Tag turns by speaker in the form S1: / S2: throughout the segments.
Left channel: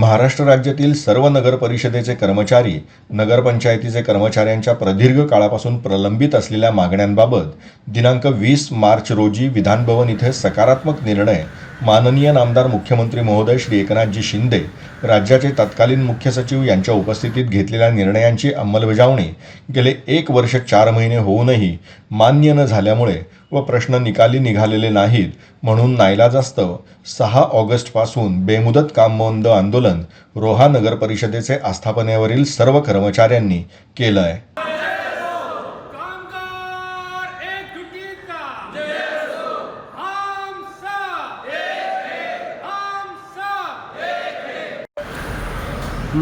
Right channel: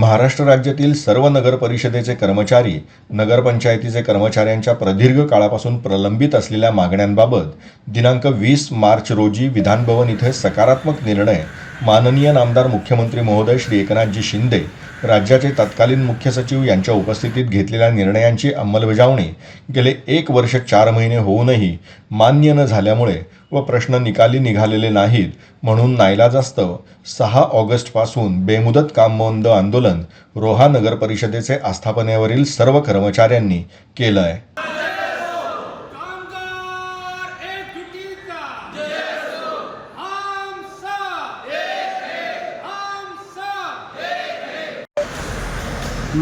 S1: महाराष्ट्र राज्यातील सर्व नगर नगरपरिषदेचे कर्मचारी नगरपंचायतीचे कर्मचाऱ्यांच्या प्रदीर्घ काळापासून प्रलंबित असलेल्या मागण्यांबाबत दिनांक वीस मार्च रोजी विधानभवन इथे सकारात्मक निर्णय माननीय नामदार मुख्यमंत्री महोदय श्री एकनाथजी शिंदे राज्याचे तत्कालीन मुख्य सचिव यांच्या उपस्थितीत घेतलेल्या निर्णयांची अंमलबजावणी गेले एक वर्ष चार महिने होऊनही मान्य न झाल्यामुळे व प्रश्न निकाली निघालेले नाहीत म्हणून नाईलाजास्तव सहा ऑगस्टपासून बेमुदत काम बंद आंदोलन रोहा नगर परिषदेचे आस्थापनेवरील सर्व कर्मचाऱ्यांनी केलं आहे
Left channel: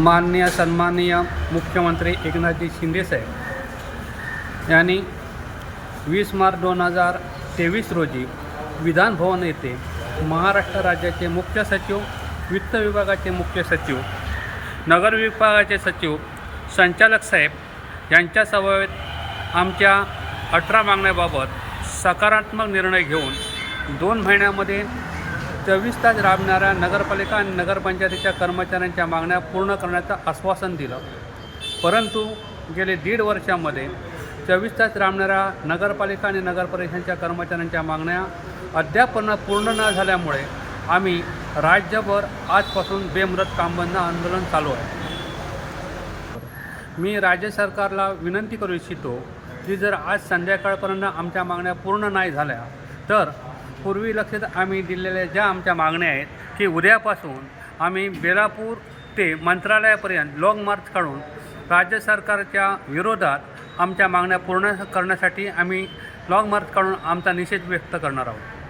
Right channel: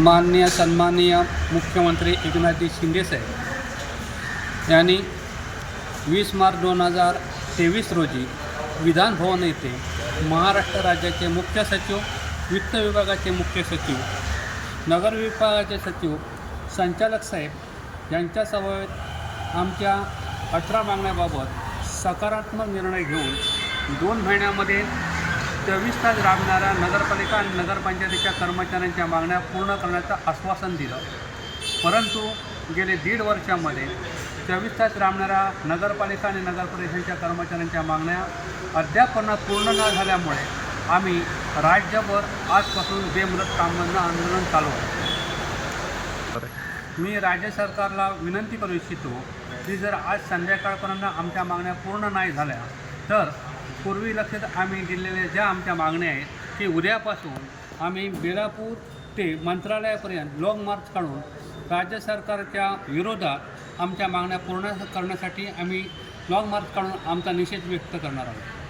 S2: माननीय सन्माननीय मुख्यमंत्री एकनाथजी शिंदेसाहेब यांनी वीस मार्च दोन हजार तेवीस रोजी विधानभवन येथे महाराष्ट्र राज्याचे मुख्य सचिव वित्त विभागाचे मुख्य सचिव नगर विभागाचे सचिव संचालक साहेब यांच्यासमवेत आमच्या अठरा मागण्याबाबत सकारात्मक निर्णय घेऊन दोन महिन्यामध्ये चोवीस तास राबणाऱ्या नगरपालिका आणि नगरपंचायतीच्या कर्मचाऱ्यांच्या मागण्या पूर्ण करण्याचं आश्वासन दिलं परंतु गेले दीड वर्षामध्ये चोवीस तास राबणाऱ्या नगरपालिका आणि नगरपरिषदेच्या कर्मचाऱ्यांच्या मागण्या अद्याप पूर्ण न झाल्यामुळे आम्ही राज्यभर आजपासून बेमुदत कामबंद आंदोलन चालू आहे मी राज्य सरकारला विनंती करू इच्छितो की जर आज संध्याकाळपर्यंत आमच्या मागण्या पूर्ण नाही झाल्या तर पूर्वी लक्षात आम्ही दिलेल्या ज्या आमच्या मागण्या आहेत की उद्यापासून आम्ही बेलापूर ते मंत्रालयापर्यंत लाँग मार्च काढून राज्य सरकारच्या विरोधात आमच्या मागण्या पूर्ण करण्यासाठी आम्ही लॉंग मार्च काढून आमचा निषेध व्यक्त करणार आहोत